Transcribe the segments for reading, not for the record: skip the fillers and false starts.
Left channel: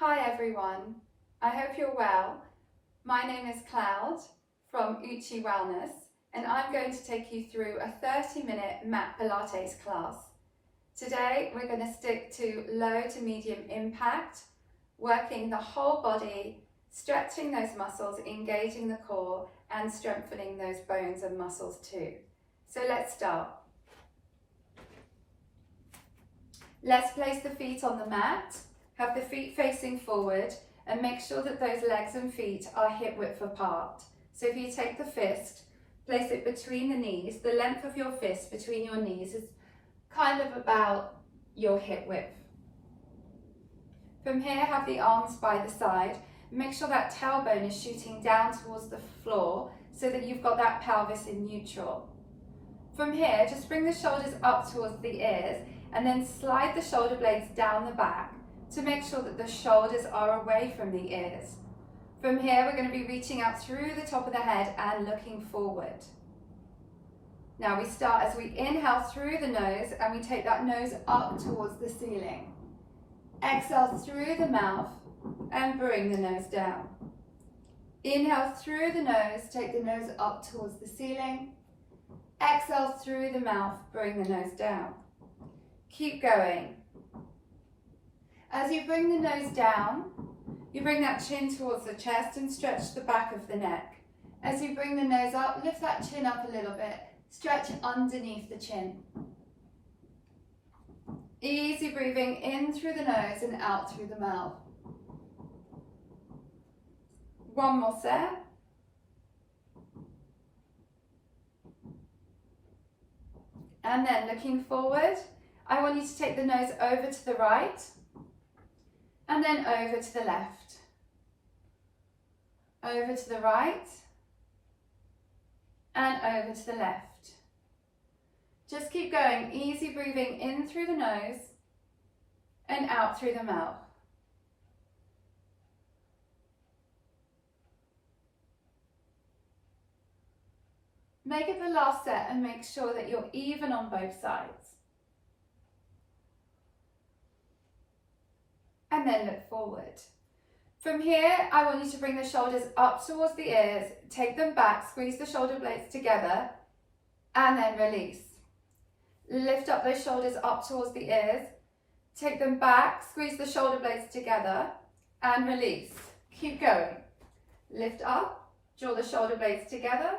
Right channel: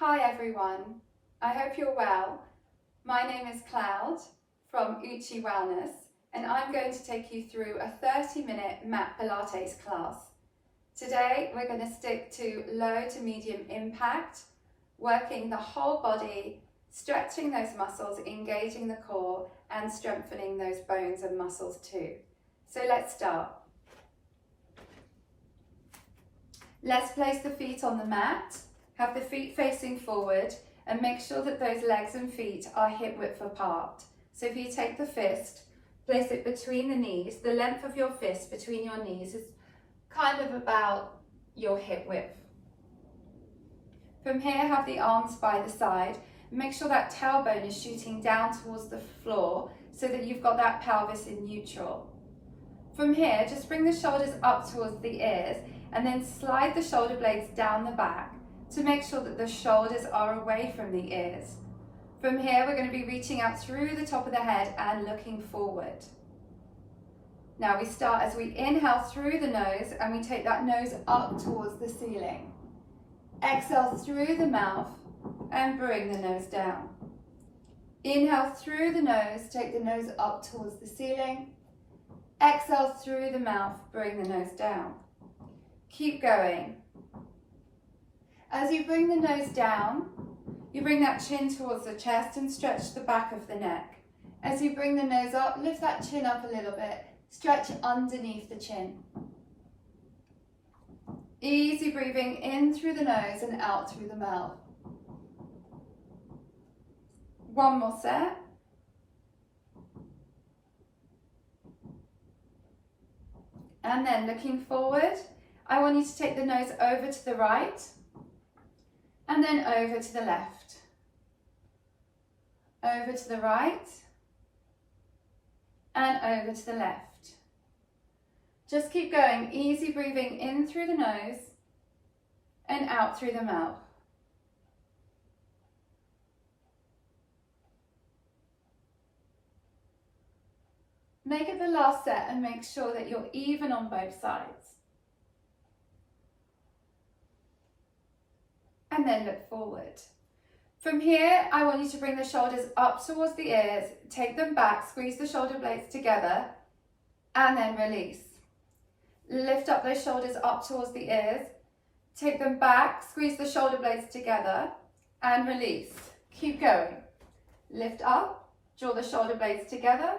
Hi everyone, I hope you're well. My name is Cloud from Uchi Wellness and I'm going to take you through a 30-minute Mat Pilates class. Today we're going to stick to low to medium impact, working the whole body, stretching those muscles, engaging the core and strengthening those bones and muscles too. So let's start. Let's place the feet on the mat. Have the feet facing forward and make sure that those legs and feet are hip width apart. So if you take the fist, place it between the knees. The length of your fist between your knees is kind of about your hip width. From here, have the arms by the side. Make sure that tailbone is shooting down towards the floor so that you've got that pelvis in neutral. From here, just bring the shoulders up towards the ears and then slide the shoulder blades down the back to make sure that the shoulders are away from the ears. From here, we're going to be reaching out through the top of the head and looking forward. Now we start as we inhale through the nose and we take that nose up towards the ceiling. Exhale through the mouth and bring the nose down. Inhale through the nose, take the nose up towards the ceiling. Exhale through the mouth, bring the nose down. Keep going. As you bring the nose down, you bring that chin towards the chest and stretch the back of the neck. As you bring the nose up, lift that chin up a little bit. Stretch underneath the chin. Easy breathing in through the nose and out through the mouth. One more set. And then looking forward, I want you to take the nose over to the right and then over to the left. Over to the right and over to the left. Just keep going, easy breathing in through the nose and out through the mouth. Make it the last set and make sure that you're even on both sides. And then look forward. From here, I want you to bring the shoulders up towards the ears, take them back, squeeze the shoulder blades together, and then release. Lift up those shoulders up towards the ears, take them back, squeeze the shoulder blades together, and release. Keep going. Lift up, draw the shoulder blades together,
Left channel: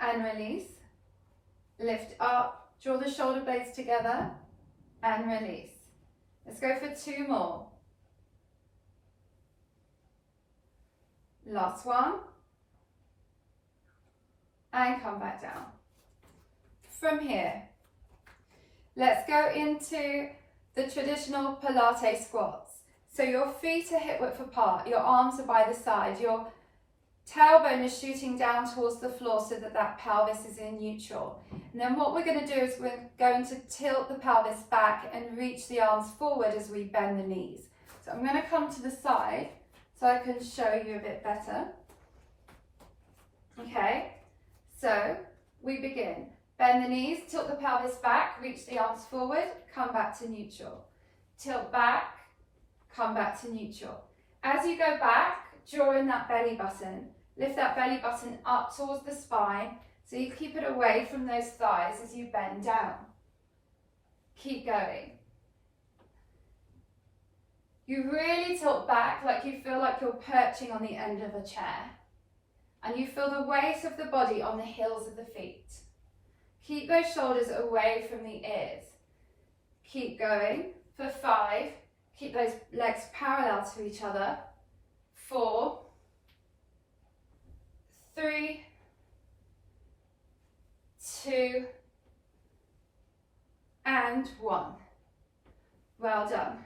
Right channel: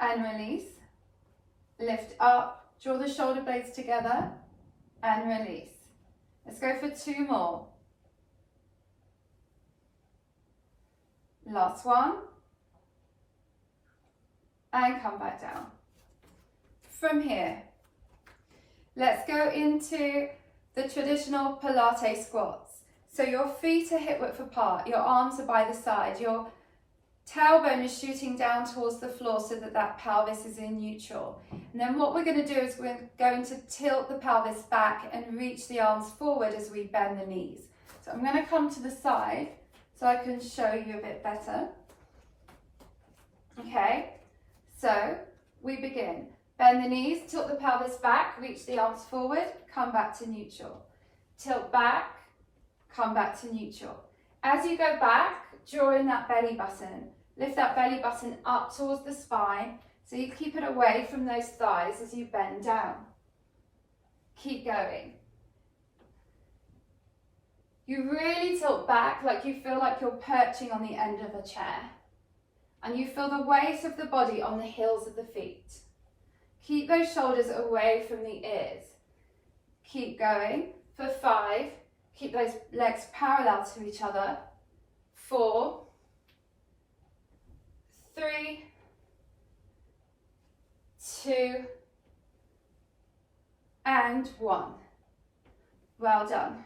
and release. Lift up, draw the shoulder blades together, and release. Let's go for two more. Last one, and come back down. From here, let's go into the traditional Pilates squats. So your feet are hip width apart, your arms are by the side, your tailbone is shooting down towards the floor so that that pelvis is in neutral. And then what we're going to do is we're going to tilt the pelvis back and reach the arms forward as we bend the knees. So I'm going to come to the side so I can show you a bit better. Okay, so we begin. Bend the knees, tilt the pelvis back, reach the arms forward, come back to neutral. Tilt back, come back to neutral. As you go back, draw in that belly button. Lift that belly button up towards the spine so you keep it away from those thighs as you bend down. Keep going. You really tilt back like you feel like you're perching on the end of a chair. And you feel the weight of the body on the heels of the feet. Keep those shoulders away from the ears. Keep going for 5. Keep those legs parallel to each other. 4, 3, 2, and 1. Well done.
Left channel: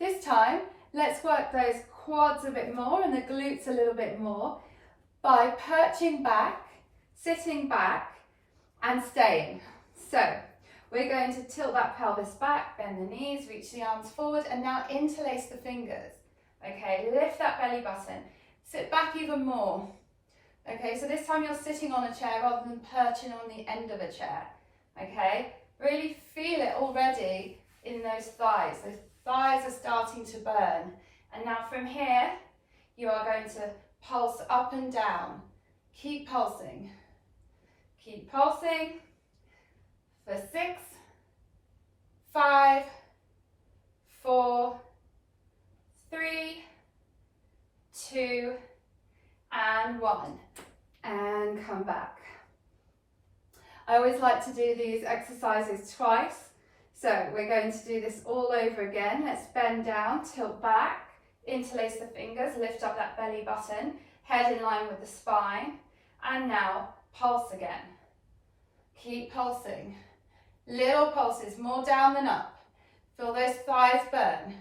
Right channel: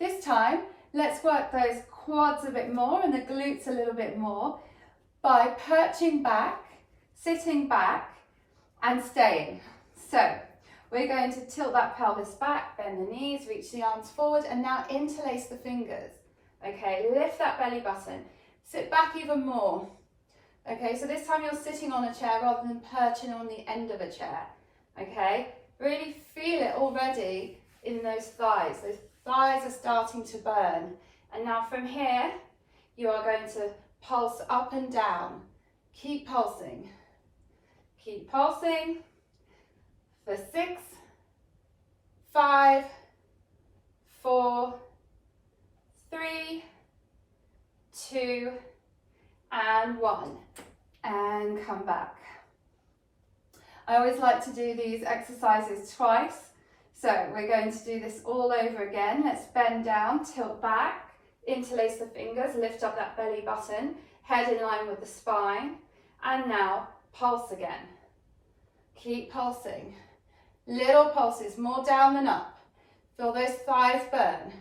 This time, let's work those quads a bit more and the glutes a little bit more by perching back, sitting back, and staying. So, we're going to tilt that pelvis back, bend the knees, reach the arms forward, and now interlace the fingers. Okay, lift that belly button. Sit back even more. Okay, so this time you're sitting on a chair rather than perching on the end of a chair. Okay, really feel it already in those thighs. Those thighs are starting to burn. And now from here, you are going to pulse up and down. Keep pulsing. Keep pulsing for 6, 5, 4, 3, 2, and 1. And come back. I always like to do these exercises twice. So we're going to do this all over again. Let's bend down, tilt back, interlace the fingers, lift up that belly button, head in line with the spine. And now pulse again. Keep pulsing. Little pulses, more down than up. Feel those thighs burn.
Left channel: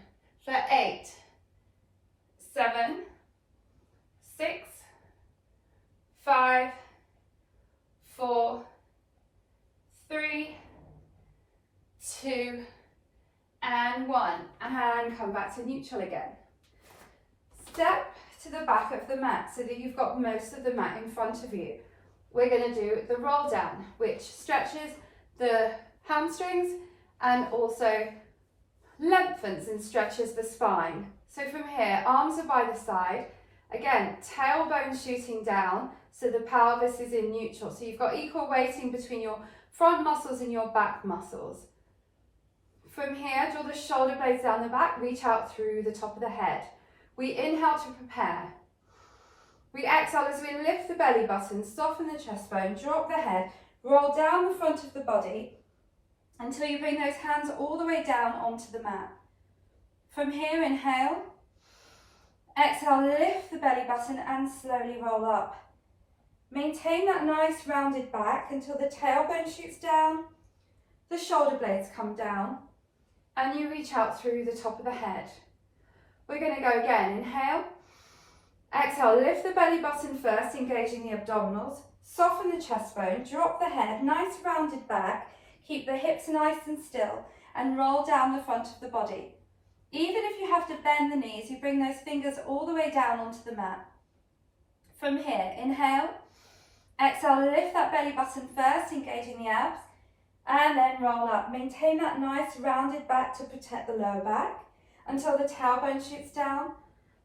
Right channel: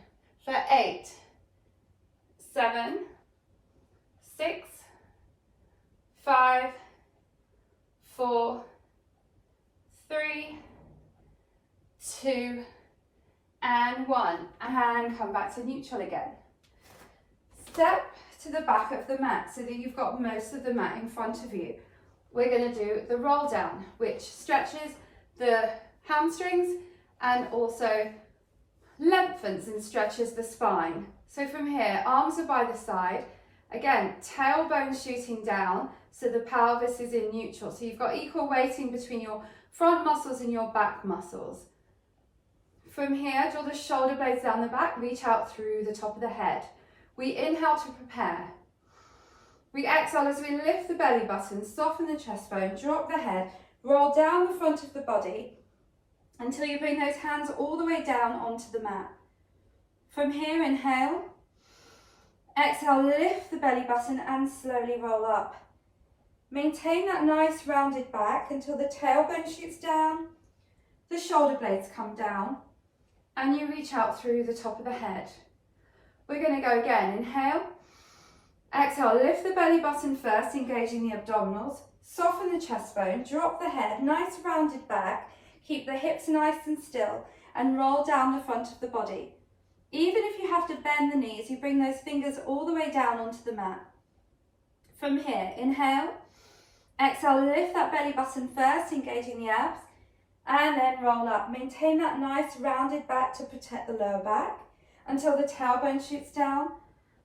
For 8, 7, 6, 5, 4, 3, 2, and 1. And come back to neutral again. Step to the back of the mat so that you've got most of the mat in front of you. We're going to do the roll down, which stretches the hamstrings and also lengthens and stretches the spine. So from here, arms are by the side. Again, tailbone shooting down so the pelvis is in neutral. So you've got equal weighting between your front muscles and your back muscles. From here, draw the shoulder blades down the back, reach out through the top of the head. We inhale to prepare. We exhale as we lift the belly button, soften the chest bone, drop the head, roll down the front of the body until you bring those hands all the way down onto the mat. From here, inhale. Exhale, lift the belly button and slowly roll up. Maintain that nice rounded back until the tailbone shoots down, the shoulder blades come down, and you reach out through the top of the head. We're going to go again. Inhale. Exhale, lift the belly button first, engaging the abdominals. Soften the chest bone, drop the head, nice rounded back. Keep the hips nice and still and roll down the front of the body. Even if you have to bend the knees, you bring those fingers all the way down onto the mat. From here, inhale. Exhale, lift that belly button first, engaging the abs, and then roll up. Maintain that nice rounded back to protect the lower back until the tailbone shoots down,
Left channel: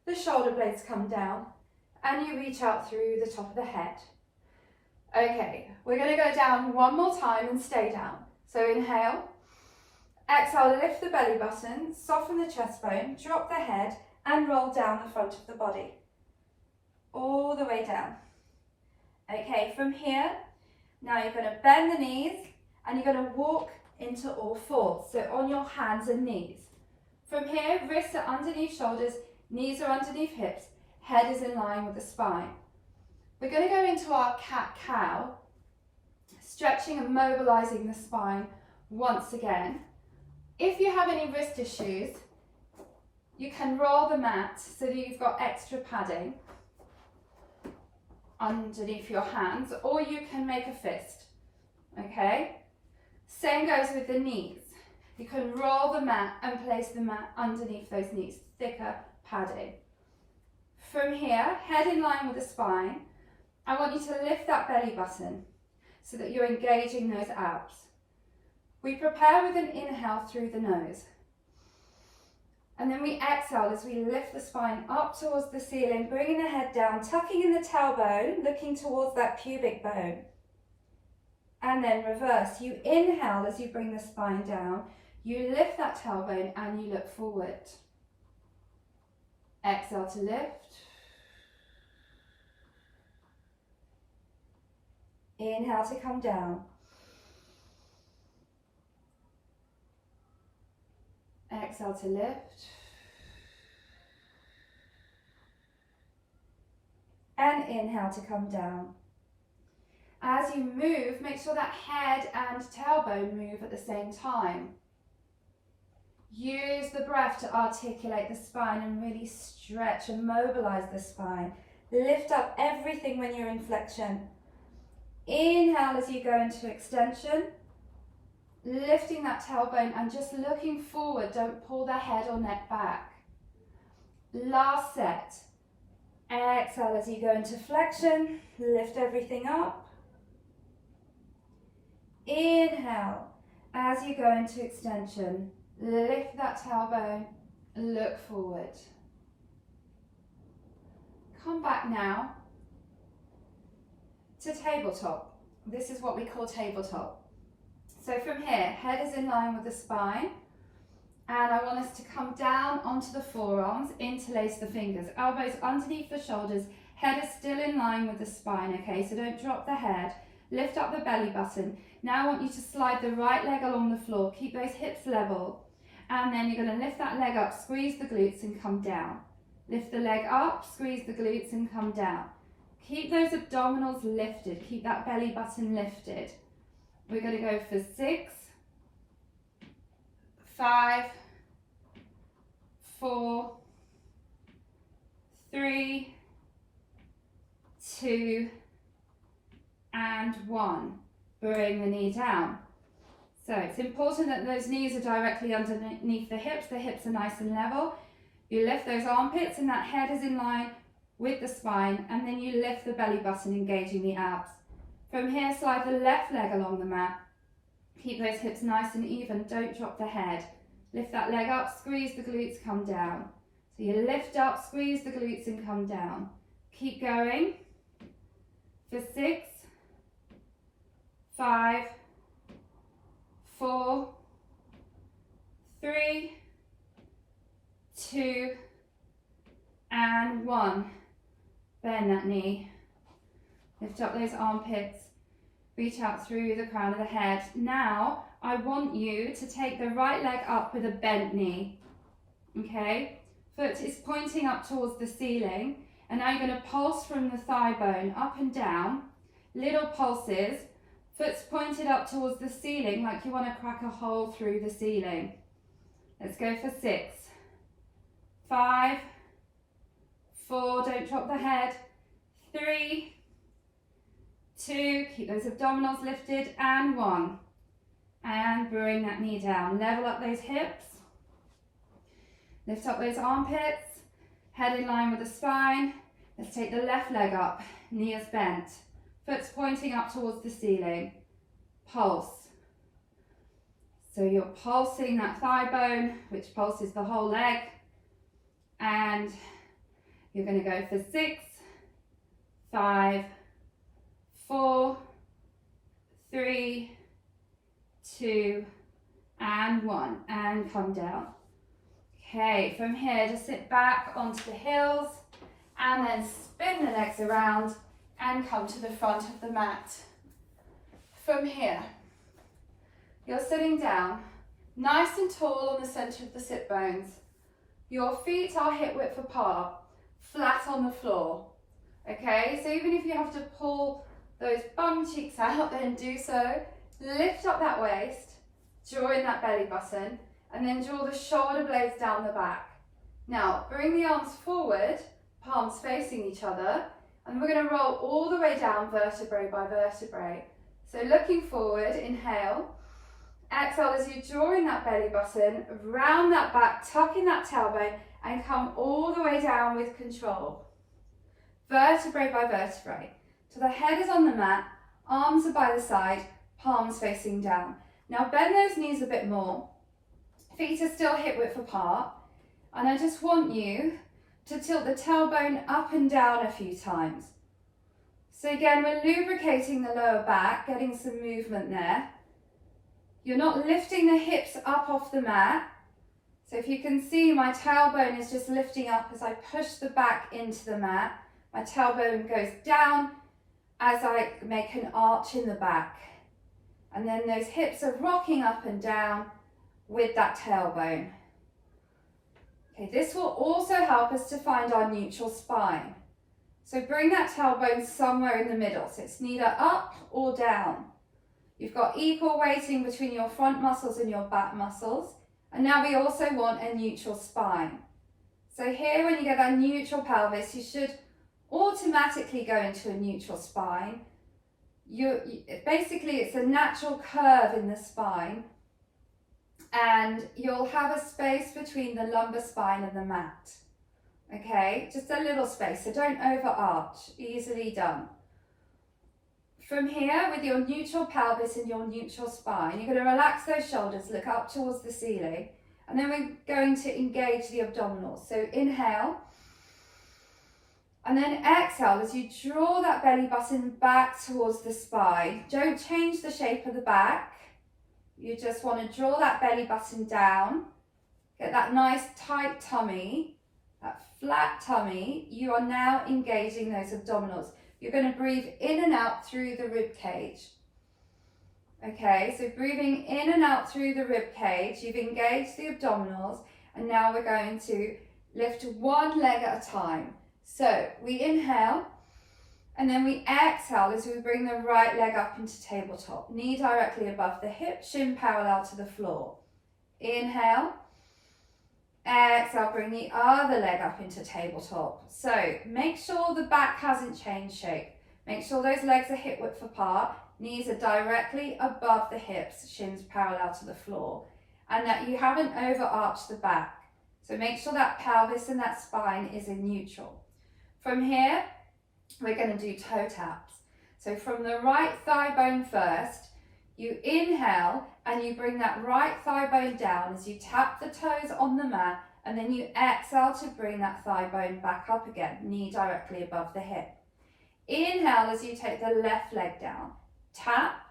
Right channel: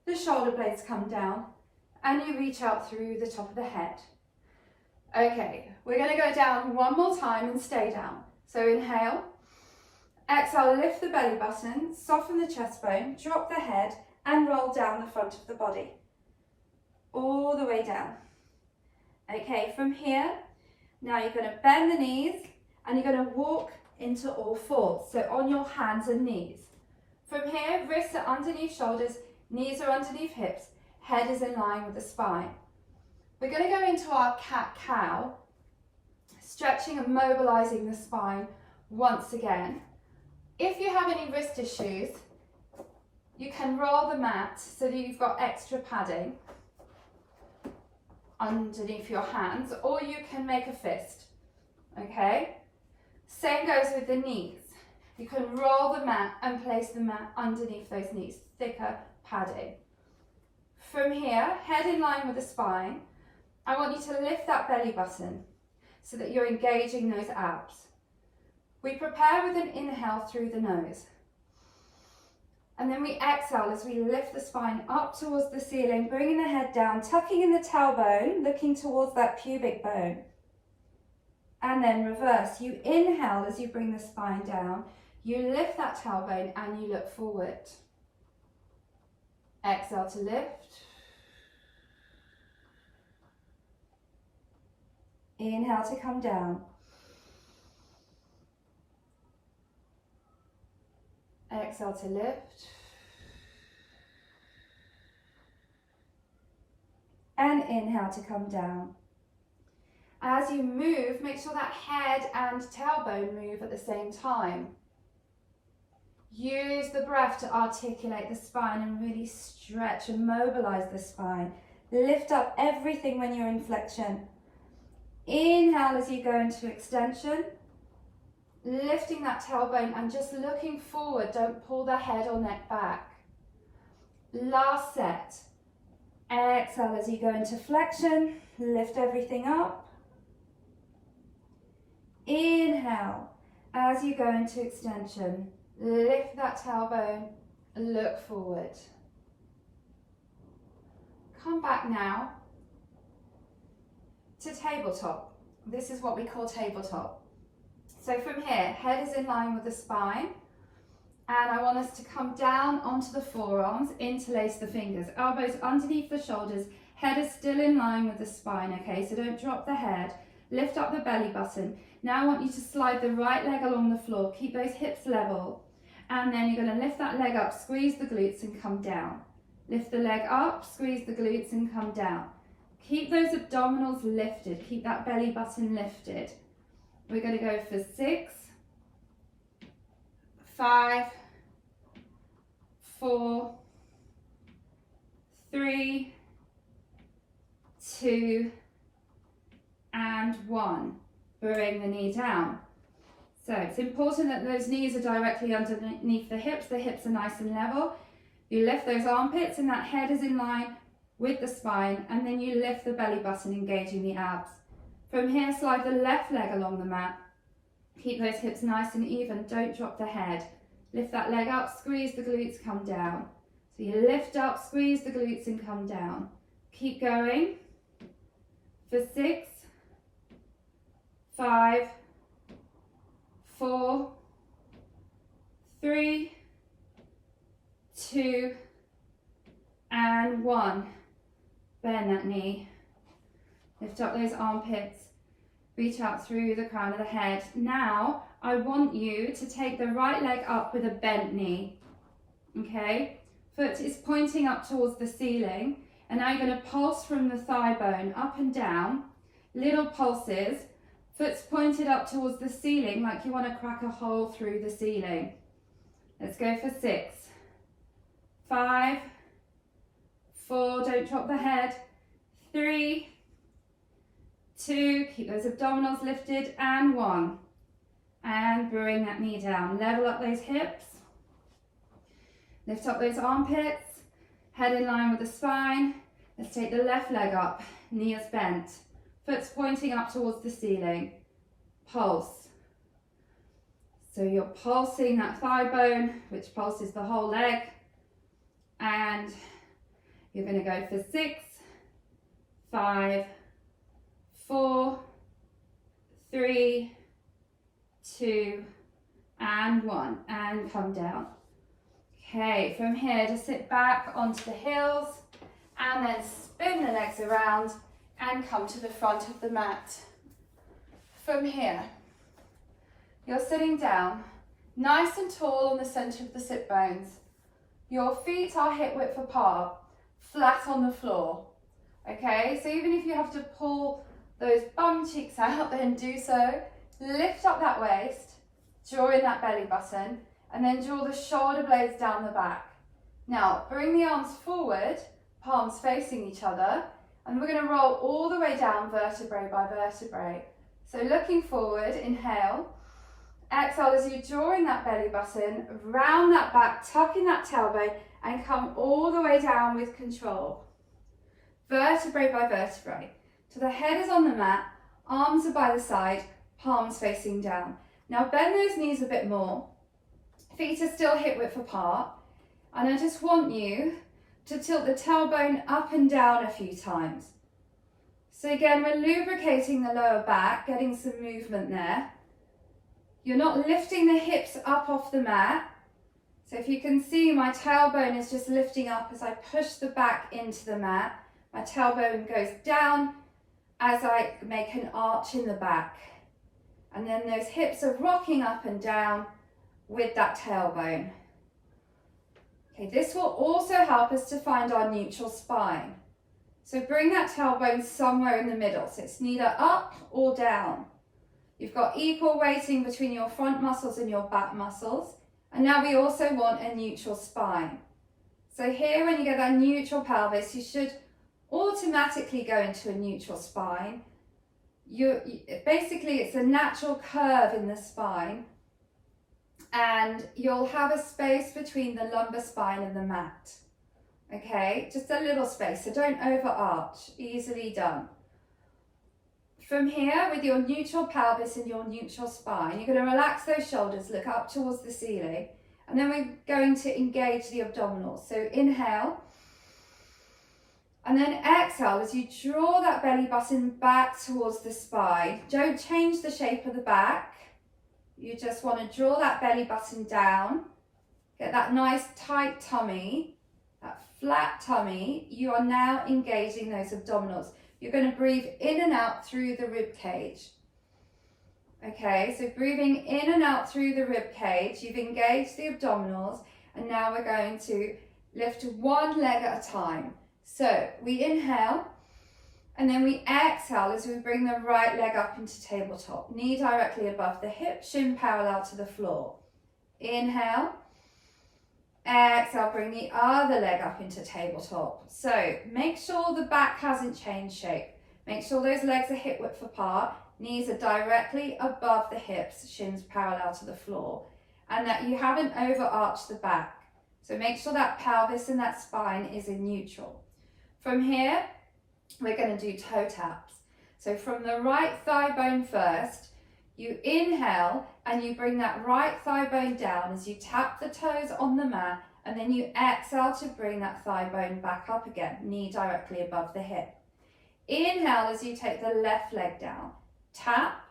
the shoulder blades come down, and you reach out through the top of the head. Okay, we're going to go down one more time and stay down. So inhale. Exhale, lift the belly button, soften the chest bone, drop the head, and roll down the front of the body. All the way down. Okay, from here, now you're going to bend the knees and you're going to walk into all fours, so on your hands and knees. From here, wrists are underneath shoulders, knees are underneath hips, head is in line with the spine. We're going to go into our cat-cow, stretching and mobilizing the spine once again. If you have any wrist issues, you can roll the mat so that you've got extra padding underneath your hands, or you can make a fist, okay? Same goes with the knees. You can roll the mat and place the mat underneath those knees, thicker padding. From here, head in line with the spine. I want you to lift that belly button so that you're engaging those abs. We prepare with an inhale through the nose. And then we exhale as we lift the spine up towards the ceiling, bringing the head down, tucking in the tailbone, looking towards that pubic bone. And then reverse. You inhale as you bring the spine down. You lift that tailbone and you look forward. Exhale to lift. Inhale to come down. Exhale to lift. And inhale to come down. As you move, make sure that head and tailbone move at the same time. Use the breath to articulate the spine and really stretch and mobilize the spine. Lift up everything when you're in flexion. Inhale as you go into extension. Lifting that tailbone and just looking forward. Don't pull the head or neck back. Last set. Exhale as you go into flexion. Lift everything up. Inhale as you go into extension. Lift that tailbone. Look forward. come back now to tabletop. This is what we call tabletop. So from here, head is in line with the spine, and I want us to come down onto the forearms, interlace the fingers, elbows underneath the shoulders, head is still in line with the spine, okay? So don't drop the head, lift up the belly button. Now I want you to slide the right leg along the floor, keep those hips level, and then you're going to lift that leg up, squeeze the glutes and come down. Lift the leg up, squeeze the glutes and come down. Keep those abdominals lifted, keep that belly button lifted. We're going to go for 6, 5, 4, 3, 2, and 1. Bring the knee down. So it's important that those knees are directly underneath the hips are nice and level. You lift those armpits and that head is in line with the spine, and then you lift the belly button, engaging the abs. From here, slide the left leg along the mat. Keep those hips nice and even, don't drop the head. Lift that leg up, squeeze the glutes, come down. So you lift up, squeeze the glutes and come down. Keep going for 6, 5, 4, 3, 2, and 1. Bend that knee. Lift up those armpits. Reach out through the crown of the head. Now, I want you to take the right leg up with a bent knee. Okay? Foot is pointing up towards the ceiling. And now you're going to pulse from the thigh bone up and down. Little pulses. Foot's pointed up towards the ceiling like you want to crack a hole through the ceiling. Let's go for 6, 5, 4, don't drop the head, 3, 2, keep those abdominals lifted, and 1. And bring that knee down. Level up those hips. Lift up those armpits. Head in line with the spine. Let's take the left leg up. Knee is bent. Foot's pointing up towards the ceiling. Pulse. So you're pulsing that thigh bone, which pulses the whole leg. And you're going to go for 6, 5, 4, 3, 2, and 1. And come down. Okay, from here, just sit back onto the heels and then spin the legs around and come to the front of the mat. From here, you're sitting down, nice and tall on the center of the sit bones. Your feet are hip width apart, flat on the floor. Okay, so even if you have to pull those bum cheeks out, then do so. Lift up that waist, draw in that belly button, and then draw the shoulder blades down the back. Now, bring the arms forward, palms facing each other, and we're going to roll all the way down vertebrae by vertebrae. So looking forward, inhale. Exhale as you draw in that belly button, round that back, tuck in that tailbone, and come all the way down with control. Vertebrae by vertebrae. So the head is on the mat, arms are by the side, palms facing down. Now bend those knees a bit more. Feet are still hip width apart. And I just want you to tilt the tailbone up and down a few times. So again, we're lubricating the lower back, getting some movement there. You're not lifting the hips up off the mat. So if you can see, my tailbone is just lifting up as I push the back into the mat. My tailbone goes down as I make an arch in the back. And then those hips are rocking up and down with that tailbone. Okay, this will also help us to find our neutral spine. So bring that tailbone somewhere in the middle. So it's neither up or down. You've got equal weighting between your front muscles and your back muscles. And now we also want a neutral spine. So here, when you get that neutral pelvis, you should automatically go into a neutral spine. Basically, it's a natural curve in the spine. And you'll have a space between the lumbar spine and the mat. Okay, just a little space, so don't overarch, easily done. From here, with your neutral pelvis and your neutral spine, you're going to relax those shoulders, look up towards the ceiling, and then we're going to engage the abdominals. So inhale, And then exhale as you draw that belly button back towards the spine. Don't change the shape of the back. You just want to draw that belly button down. Get that nice tight tummy, that flat tummy. You are now engaging those abdominals. You're going to breathe in and out through the rib cage. Okay, so breathing in and out through the rib cage, you've engaged the abdominals, and now we're going to lift one leg at a time. So we inhale, and then we exhale as we bring the right leg up into tabletop. Knee directly above the hip, shin parallel to the floor. Inhale. Exhale, bring the other leg up into tabletop. So make sure the back hasn't changed shape. Make sure those legs are hip width apart. Knees are directly above the hips, shins parallel to the floor. And that you haven't overarched the back. So make sure that pelvis and that spine is in neutral. From here, we're going to do toe taps. So from the right thigh bone first, you inhale and you bring that right thigh bone down as you tap the toes on the mat, and then you exhale to bring that thigh bone back up again, knee directly above the hip. Inhale as you take the left leg down, tap,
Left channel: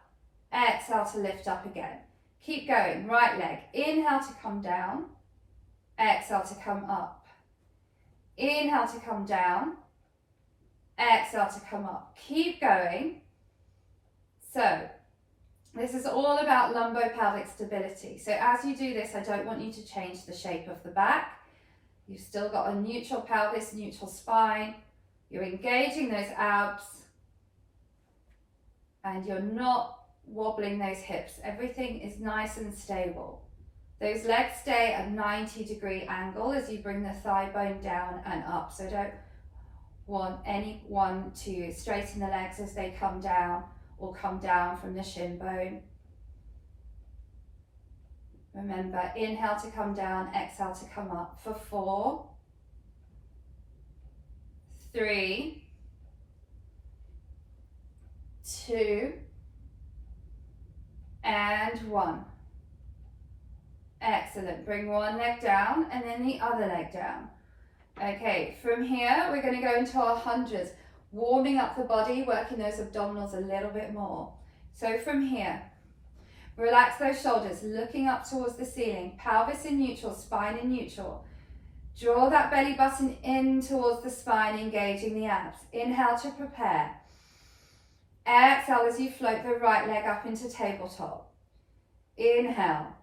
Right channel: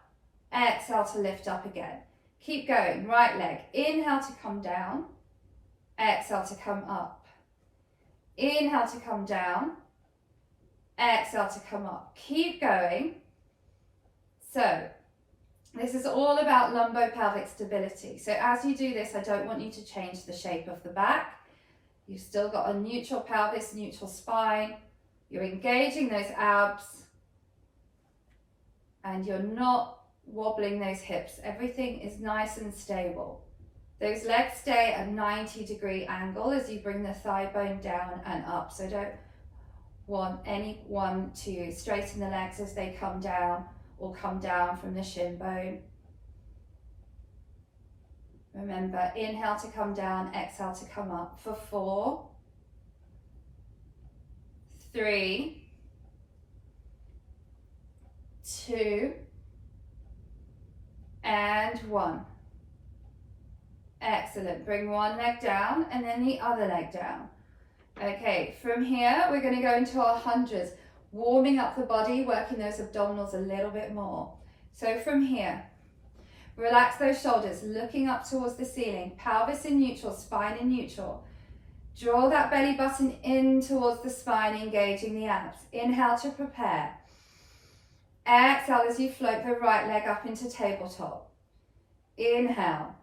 exhale to lift up again. Keep going, right leg, inhale to come down, exhale to come up. Inhale to come down, exhale to come up. Keep going. So this is all about lumbopelvic stability. So as you do this, I don't want you to change the shape of the back. You've still got a neutral pelvis, neutral spine. You're engaging those abs, and you're not wobbling those hips. Everything is nice and stable. Those legs stay at 90-degree angle as you bring the thigh bone down and up. So don't want anyone to straighten the legs as they come down or come down from the shin bone. Remember, inhale to come down, exhale to come up for 4, 3, 2, and 1. Excellent. Bring one leg down and then the other leg down. Okay, from here we're going to go into our hundreds, warming up the body, working those abdominals a little bit more. So from here, relax those shoulders, looking up towards the ceiling, pelvis in neutral, spine in neutral. Draw that belly button in towards the spine, engaging the abs. Inhale to prepare. Exhale as you float the right leg up into tabletop. Inhale.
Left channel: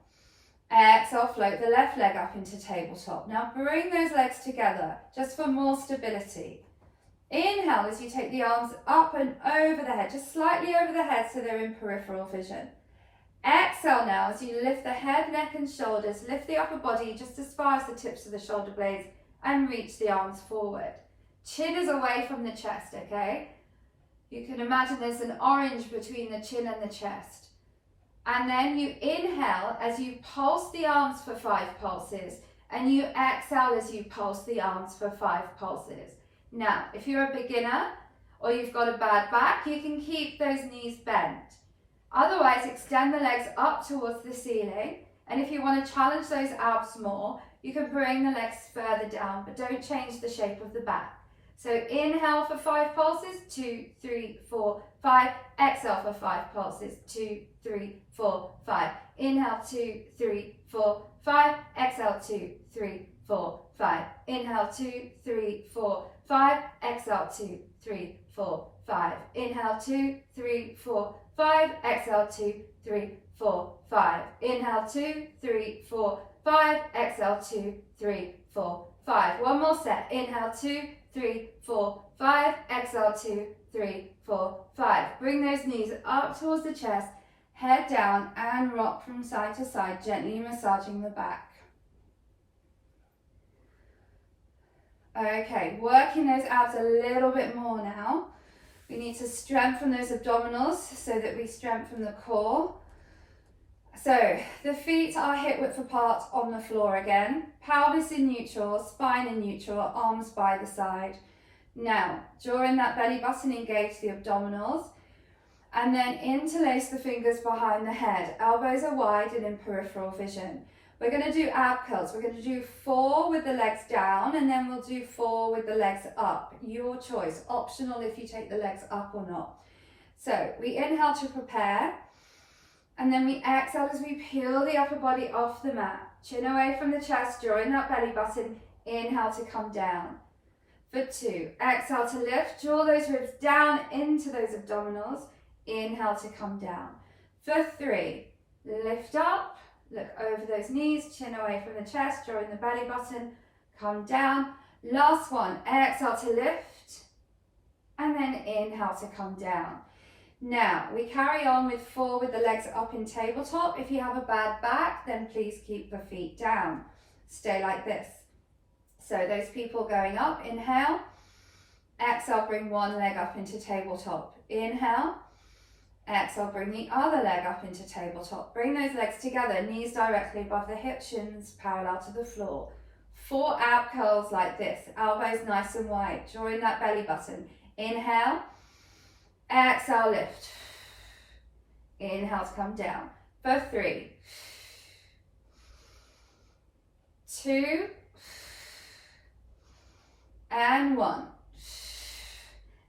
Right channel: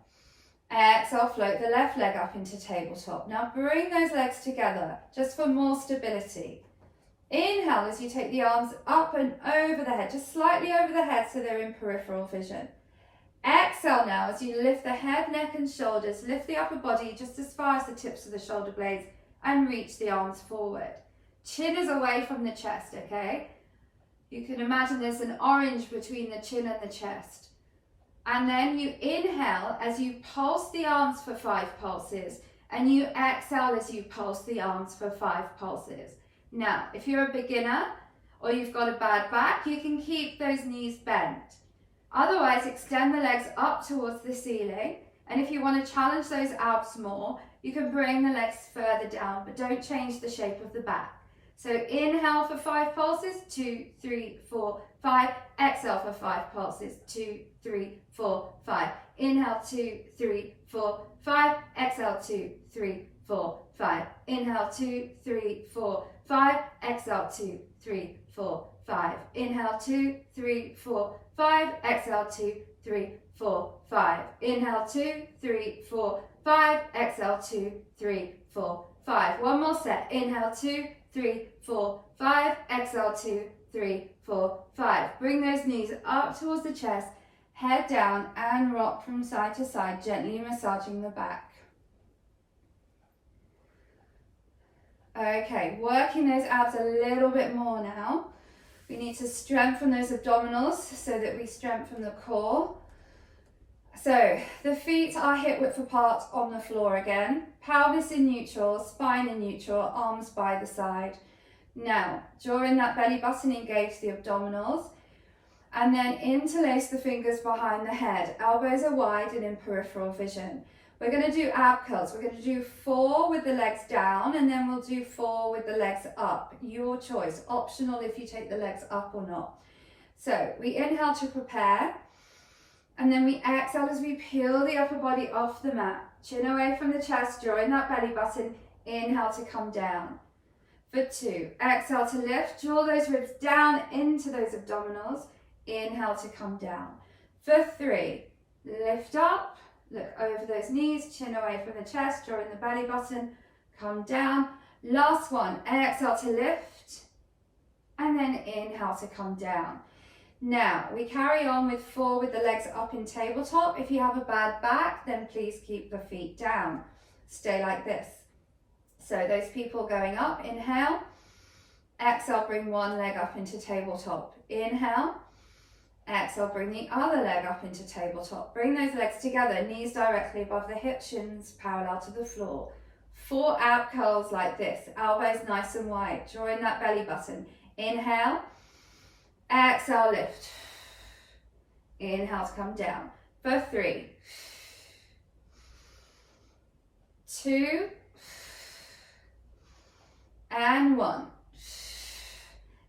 Exhale, float the left leg up into tabletop. Now bring those legs together just for more stability. Inhale as you take the arms up and over the head, just slightly over the head so they're in peripheral vision. Exhale now as you lift the head, neck and shoulders, lift the upper body just as far as the tips of the shoulder blades and reach the arms forward. Chin is away from the chest, okay? You can imagine there's an orange between the chin and the chest. And then you inhale as you pulse the arms for 5 pulses, and you exhale as you pulse the arms for 5 pulses. Now, if you're a beginner or you've got a bad back, you can keep those knees bent. Otherwise, extend the legs up towards the ceiling. And if you want to challenge those abs more, you can bring the legs further down, but don't change the shape of the back. So inhale for 5 pulses, 2, 3, 4, 5. Exhale for 5 pulses, 2, 3, 4, 5. Inhale, 2, 3, 4, 5. Exhale, 2, 3, 4, 5. Inhale, 2, 3, 4, 5. Exhale, 2, 3, 4, 5. Inhale, 2, 3, 4, 5. Exhale, 2, 3, 4, 5. Inhale, 2, 3, 4, 5. Exhale, 2, 3, 4, 5. One more set. Inhale, 2, 3, 4, 5. Exhale, 2, 3, 4, 5. Bring those knees up towards the chest, head down and rock from side to side, gently massaging the back. Okay, working those abs a little bit more now. We need to strengthen those abdominals so that we strengthen the core. So the feet are hip width apart on the floor again, pelvis in neutral, spine in neutral, arms by the side. Now, drawing that belly button, engage the abdominals, and then interlace the fingers behind the head. Elbows are wide and in peripheral vision. We're going to do ab curls. We're going to do 4 with the legs down, and then we'll do 4 with the legs up. Your choice, optional if you take the legs up or not. So we inhale to prepare, and then we exhale as we peel the upper body off the mat. Chin away from the chest, drawing that belly button. Inhale to come down. For 2, exhale to lift, draw those ribs down into those abdominals. Inhale to come down. For 3, lift up, look over those knees, chin away from the chest, drawing the belly button, come down. Last one, exhale to lift, and then inhale to come down. Now, we carry on with 4 with the legs up in tabletop. If you have a bad back, then please keep the feet down. Stay like this. So those people going up, inhale. Exhale, bring one leg up into tabletop. Inhale. Exhale, bring the other leg up into tabletop. Bring those legs together, knees directly above the hips, shins parallel to the floor. 4 ab curls like this, elbows nice and wide, drawing that belly button. Inhale. Exhale, lift. Inhale to come down. For 3, 2, and 1.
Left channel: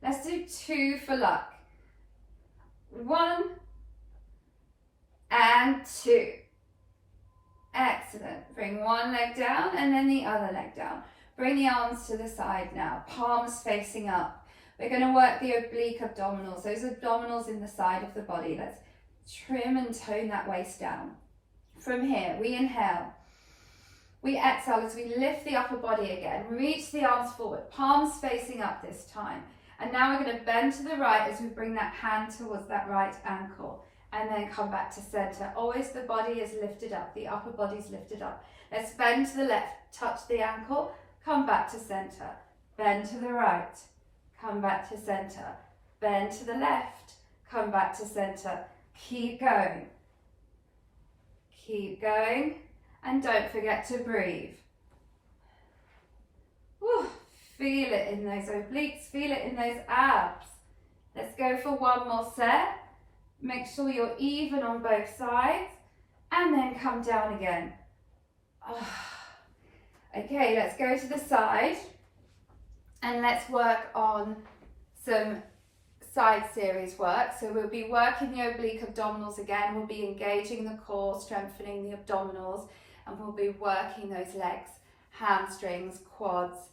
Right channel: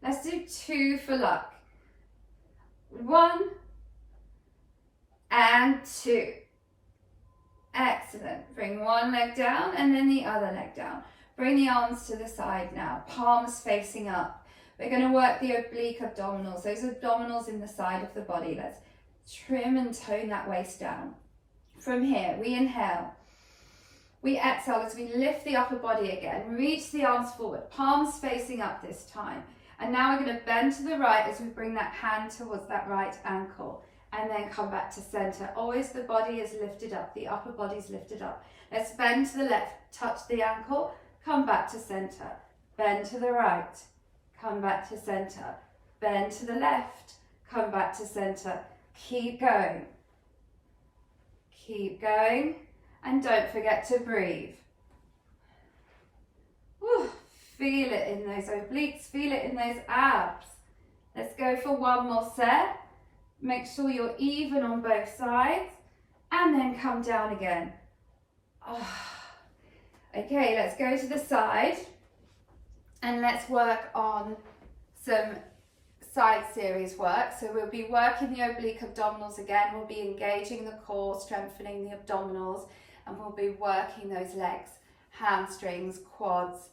Let's do 2 for luck. 1 and 2. Excellent. Bring one leg down and then the other leg down. Bring the arms to the side now, palms facing up. We're going to work the oblique abdominals, those abdominals in the side of the body. Let's trim and tone that waist down. From here, we inhale. We exhale as we lift the upper body again. Reach the arms forward, palms facing up this time. And now we're going to bend to the right as we bring that hand towards that right ankle. And then come back to center. Always the body is lifted up, the upper body is lifted up. Let's bend to the left, touch the ankle, come back to center. Bend to the right, come back to center. Bend to the left, come back to center. Keep going. Keep going. And don't forget to breathe. Woo. Feel it in those obliques, feel it in those abs. Let's go for one more set. Make sure you're even on both sides and then come down again. Okay, let's go to the side and let's work on some side series work. So we'll be working the oblique abdominals again. We'll be engaging the core, strengthening the abdominals, and we'll be working those legs, hamstrings, quads,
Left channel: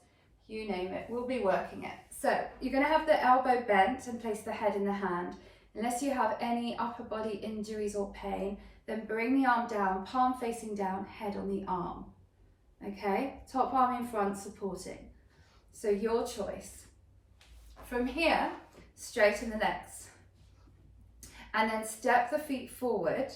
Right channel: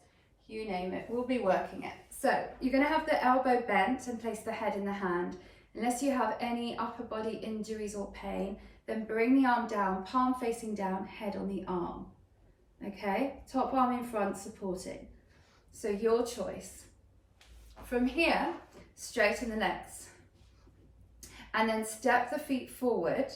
you name it, we'll be working it. So you're going to have the elbow bent and place the head in the hand. Unless you have any upper body injuries or pain, then bring the arm down, palm facing down, head on the arm. Okay, top arm in front supporting. So your choice. From here, straighten the legs. And then step the feet forward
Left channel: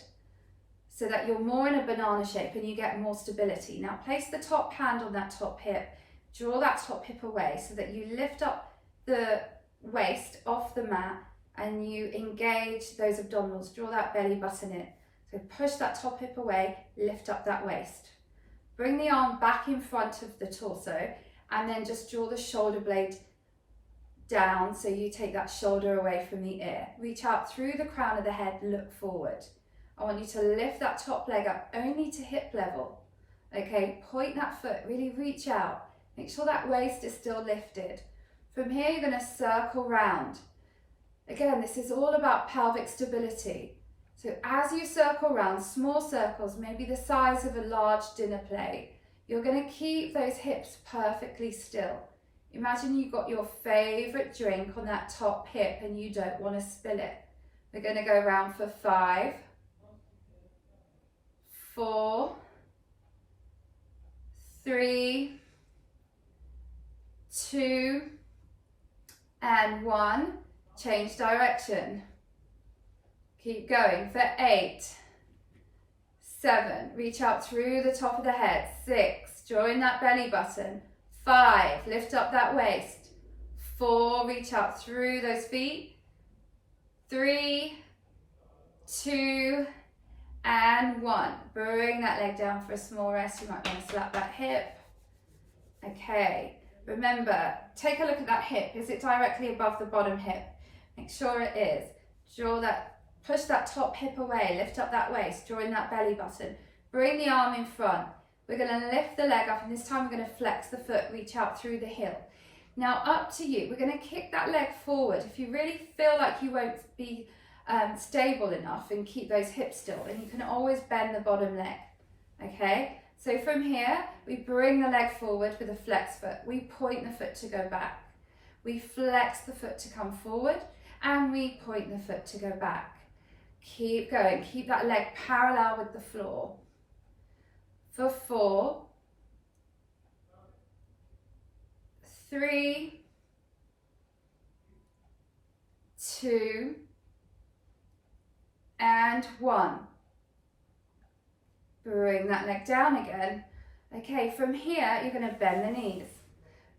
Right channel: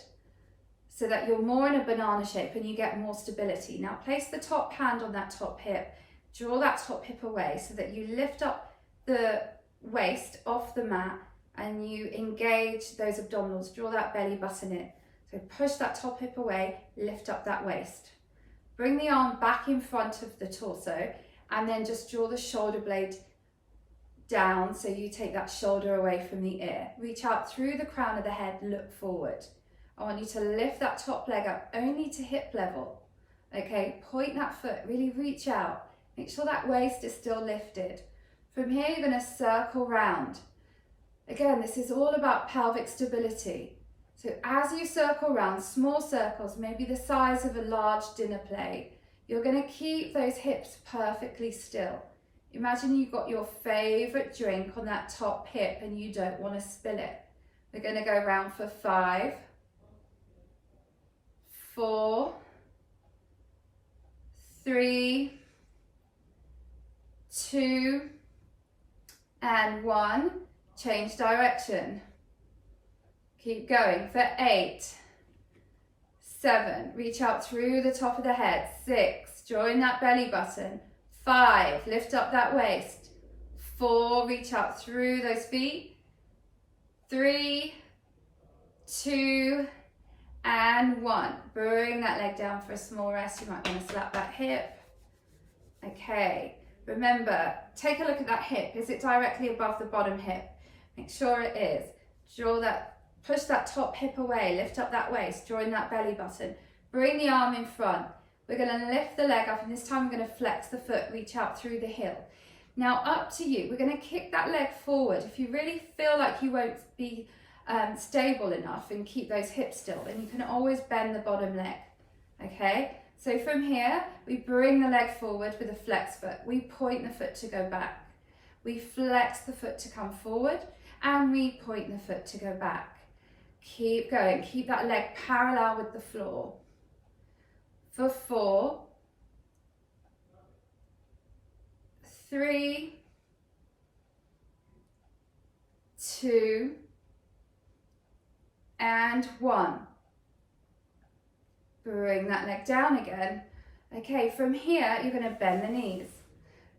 so that you're more in a banana shape and you get more stability. Now place the top hand on that top hip. Draw that top hip away so that you lift up the waist off the mat and you engage those abdominals. Draw that belly button in. So push that top hip away, lift up that waist. Bring the arm back in front of the torso and then just draw the shoulder blade down so you take that shoulder away from the ear. Reach out through the crown of the head, look forward. I want you to lift that top leg up only to hip level. Okay, point that foot, really reach out. Make sure that waist is still lifted. From here, you're going to circle round. Again, this is all about pelvic stability. So as you circle round, small circles, maybe the size of a large dinner plate, you're going to keep those hips perfectly still. Imagine you've got your favorite drink on that top hip and you don't want to spill it. We're going to go round for 5, 4, 3, 2, and 1. Change direction. Keep going for 8, 7. Reach out through the top of the head. 6. Join that belly button. 5. Lift up that waist. 4. Reach out through those feet. 3, 2, and 1. Bring that leg down for a small rest. You might want to slap that hip. Okay. Remember, take a look at that hip. Is it directly above the bottom hip? Make sure it is. Draw that, push that top hip away, lift up that waist, join that belly button. Bring the arm in front. We're going to lift the leg up, and this time we're going to flex the foot, reach out through the heel. Now up to you. We're going to kick that leg forward. If you really feel like you won't be stable enough and keep those hips still, then you can always bend the bottom leg. Okay, so from here, we bring the leg forward with a flex foot. We point the foot to go back. We flex the foot to come forward, and we point the foot to go back. Keep going. Keep that leg parallel with the floor. For 4, 3, 2, and 1. Bring that leg down again. Okay, from here, you're going to bend the knees.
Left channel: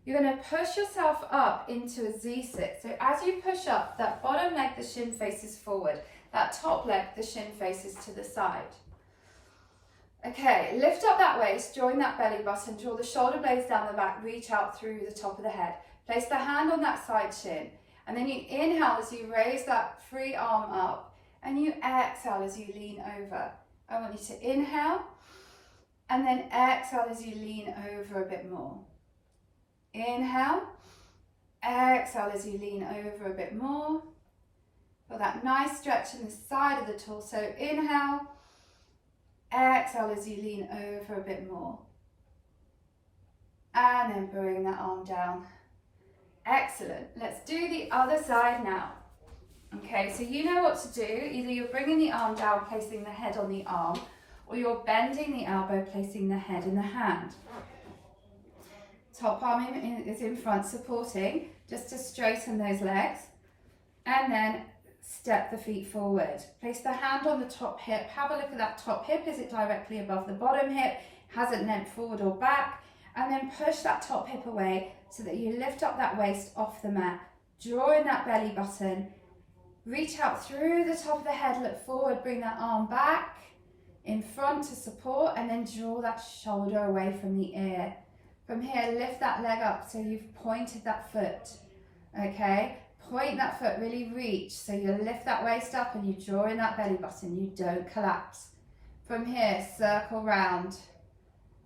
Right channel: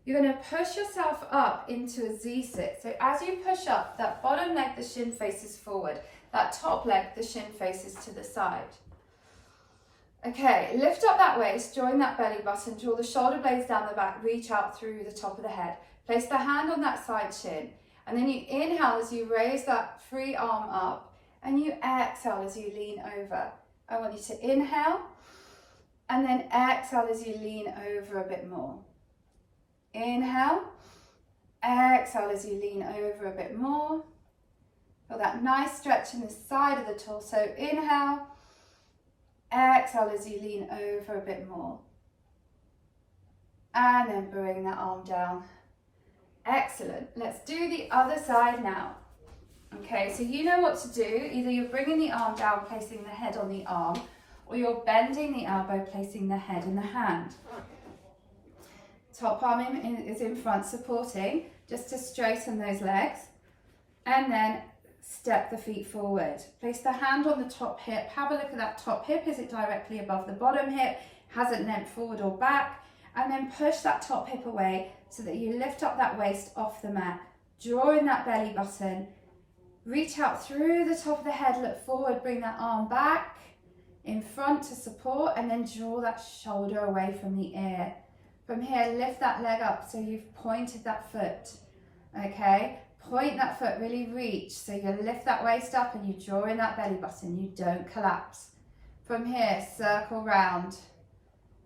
You're going to push yourself up into a Z-sit. So as you push up, that bottom leg, the shin faces forward. That top leg, the shin faces to the side. Okay, lift up that waist, join that belly button, draw the shoulder blades down the back, reach out through the top of the head. Place the hand on that side shin, and then you inhale as you raise that free arm up, and you exhale as you lean over. I want you to inhale, and then exhale as you lean over a bit more. Inhale, exhale as you lean over a bit more. Feel that nice stretch in the side of the torso. Inhale, exhale as you lean over a bit more. And then bring that arm down. Excellent. Let's do the other side now. Okay, so you know what to do. Either you're bringing the arm down, placing the head on the arm, or you're bending the elbow, placing the head in the hand. Top arm is in front, supporting, just to straighten those legs. And then step the feet forward. Place the hand on the top hip. Have a look at that top hip. Is it directly above the bottom hip? Has it leant forward or back? And then push that top hip away so that you lift up that waist off the mat. Draw in that belly button. Reach out through the top of the head, look forward, bring that arm back in front to support, and then draw that shoulder away from the ear. From here, lift that leg up so you've pointed that foot. Okay? Point that foot, really reach. So you lift that waist up and you draw in that belly button. You don't collapse. From here, circle round.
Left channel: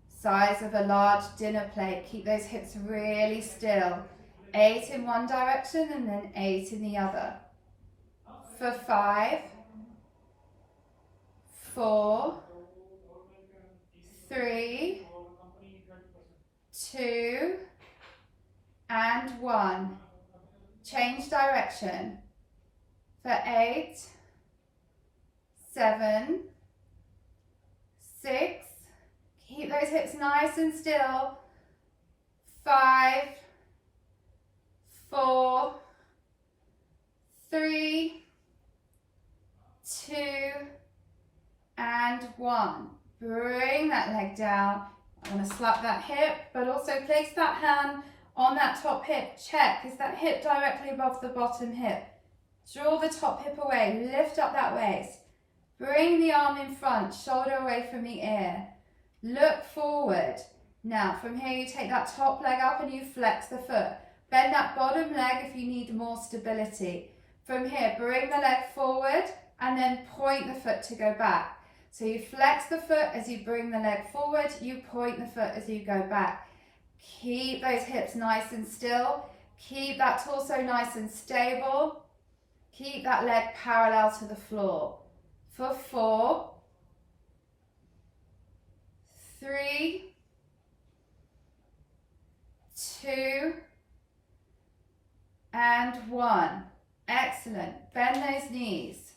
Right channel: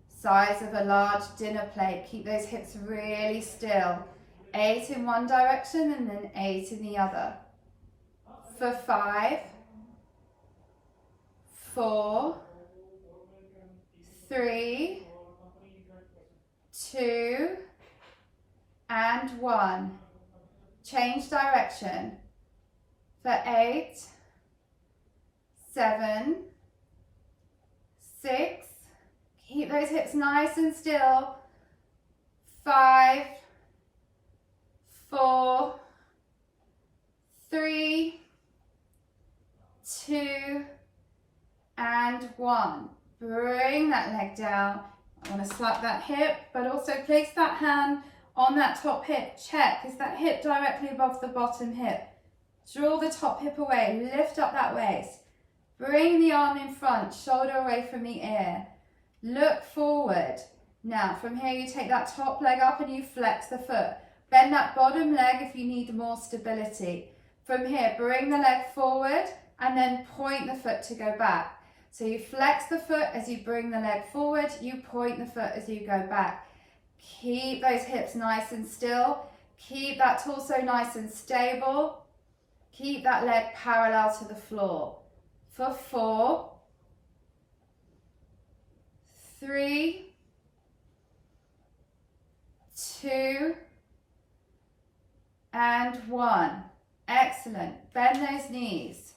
Size of a large dinner plate. Keep those hips really still. 8 in one direction and then 8 in the other. For 5, 4, 3, 2, and 1. Change direction. For 8, 7, 6, keep those hips nice and still. 5, 4, 3, 2, and 1. Bring that leg down. I'm going to slap that hip, but also place that hand on that top hip. Check, is that hip directly above the bottom hip? Draw the top hip away, lift up that waist. Bring the arm in front, shoulder away from the ear. Look forward. Now, from here you take that top leg up and you flex the foot. Bend that bottom leg if you need more stability. From here, bring the leg forward and then point the foot to go back. So you flex the foot as you bring the leg forward, you point the foot as you go back. Keep those hips nice and still. Keep that torso nice and stable. Keep that leg parallel to the floor. For 4, 3, 2, and 1. Excellent. Bend those knees.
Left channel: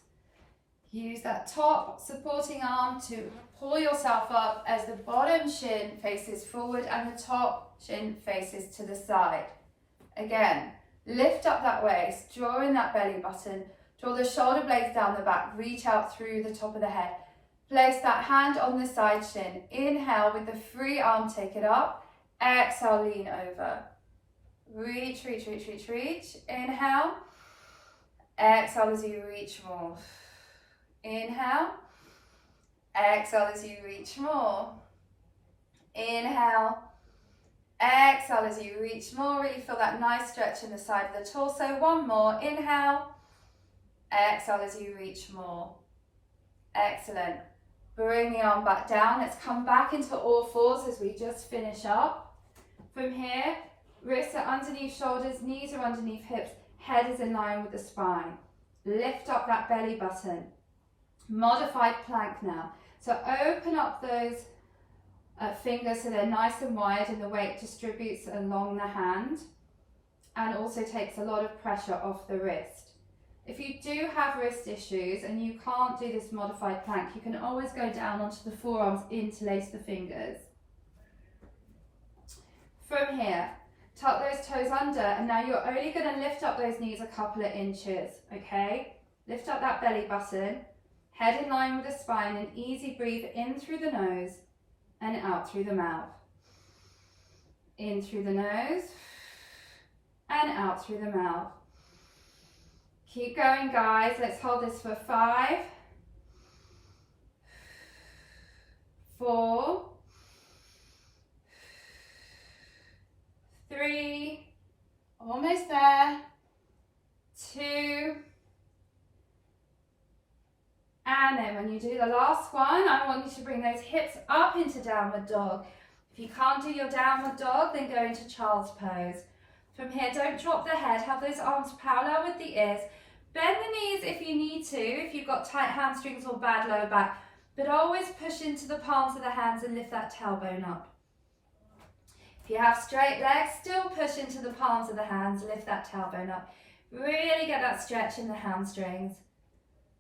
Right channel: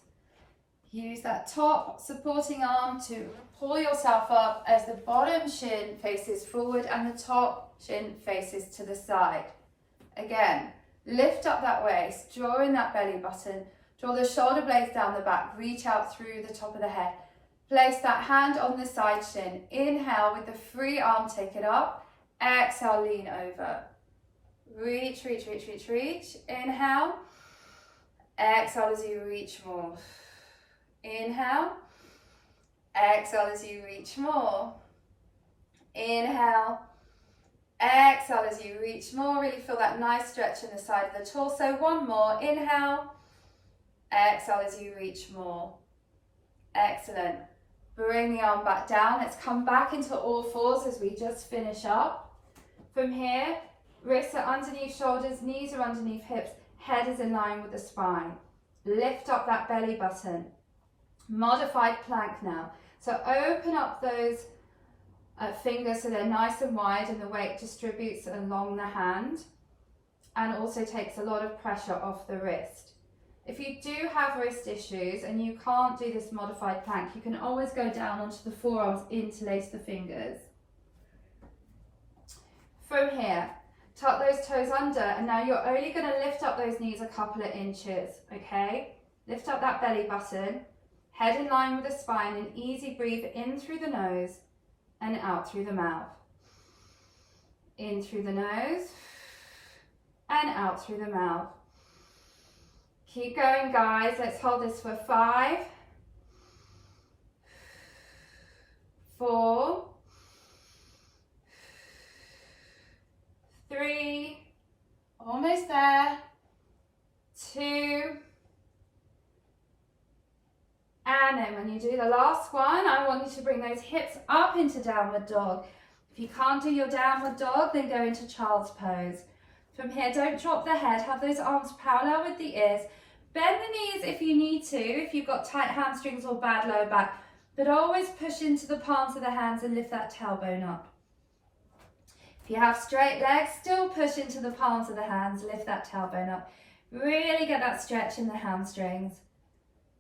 Use that top supporting arm to pull yourself up as the bottom shin faces forward and the top shin faces to the side. Again, lift up that waist, draw in that belly button, draw the shoulder blades down the back, reach out through the top of the head. Place that hand on the side shin. Inhale with the free arm, take it up. Exhale, lean over. Reach, reach, reach, reach, reach. Inhale. Exhale as you reach more. Inhale. Exhale as you reach more. Inhale. Exhale as you reach more. Really feel that nice stretch in the side of the torso. One more. Inhale. Exhale as you reach more. Excellent. Bring the arm back down. Let's come back into all fours as we just finish up. From here, wrists are underneath shoulders, knees are underneath hips, head is in line with the spine. Lift up that belly button. Modified plank now. So open up those fingers so they're nice and wide and the weight distributes along the hand and also takes a lot of pressure off the wrist. If you do have wrist issues and you can't do this modified plank, you can always go down onto the forearms, interlace the fingers. From here, tuck those toes under, and now you're only going to lift up those knees a couple of inches, okay? Lift up that belly button, head in line with the spine, and easy breathe in through the nose and out through the mouth. In through the nose and out through the mouth. Keep going, guys. Let's hold this for 5, 4, 3, almost there, 2, and then when you do the last one, I want you to bring those hips up into downward dog. If you can't do your downward dog, then go into child's pose. From here, don't drop the head, have those arms parallel with the ears. Bend the knees if you need to, if you've got tight hamstrings or bad lower back, but always push into the palms of the hands and lift that tailbone up. If you have straight legs, still push into the palms of the hands, lift that tailbone up. Really get that stretch in the hamstrings.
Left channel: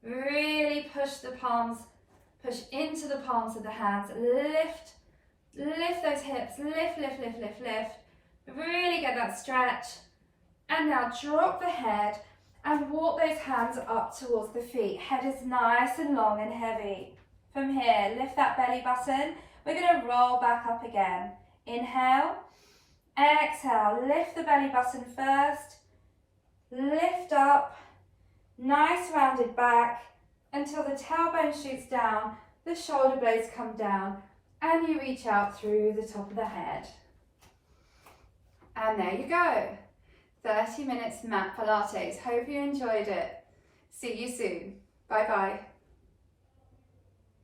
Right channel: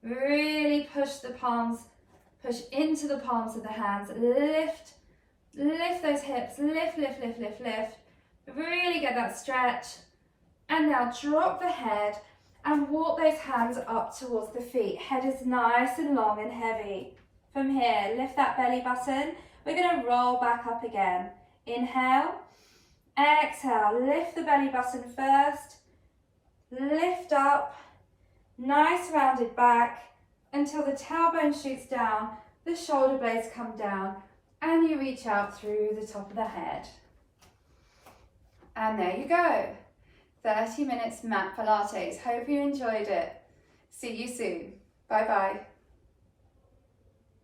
Really push the palms, push into the palms of the hands, lift those hips, lift. Really get that stretch. And now drop the head and walk those hands up towards the feet. Head is nice and long and heavy. From here, lift that belly button. We're going to roll back up again. Inhale, exhale, lift the belly button first. Lift up, nice rounded back until the tailbone shoots down, the shoulder blades come down, and you reach out through the top of the head. And there you go. 30 minutes Mat Pilates. Hope you enjoyed it. See you soon. Bye bye.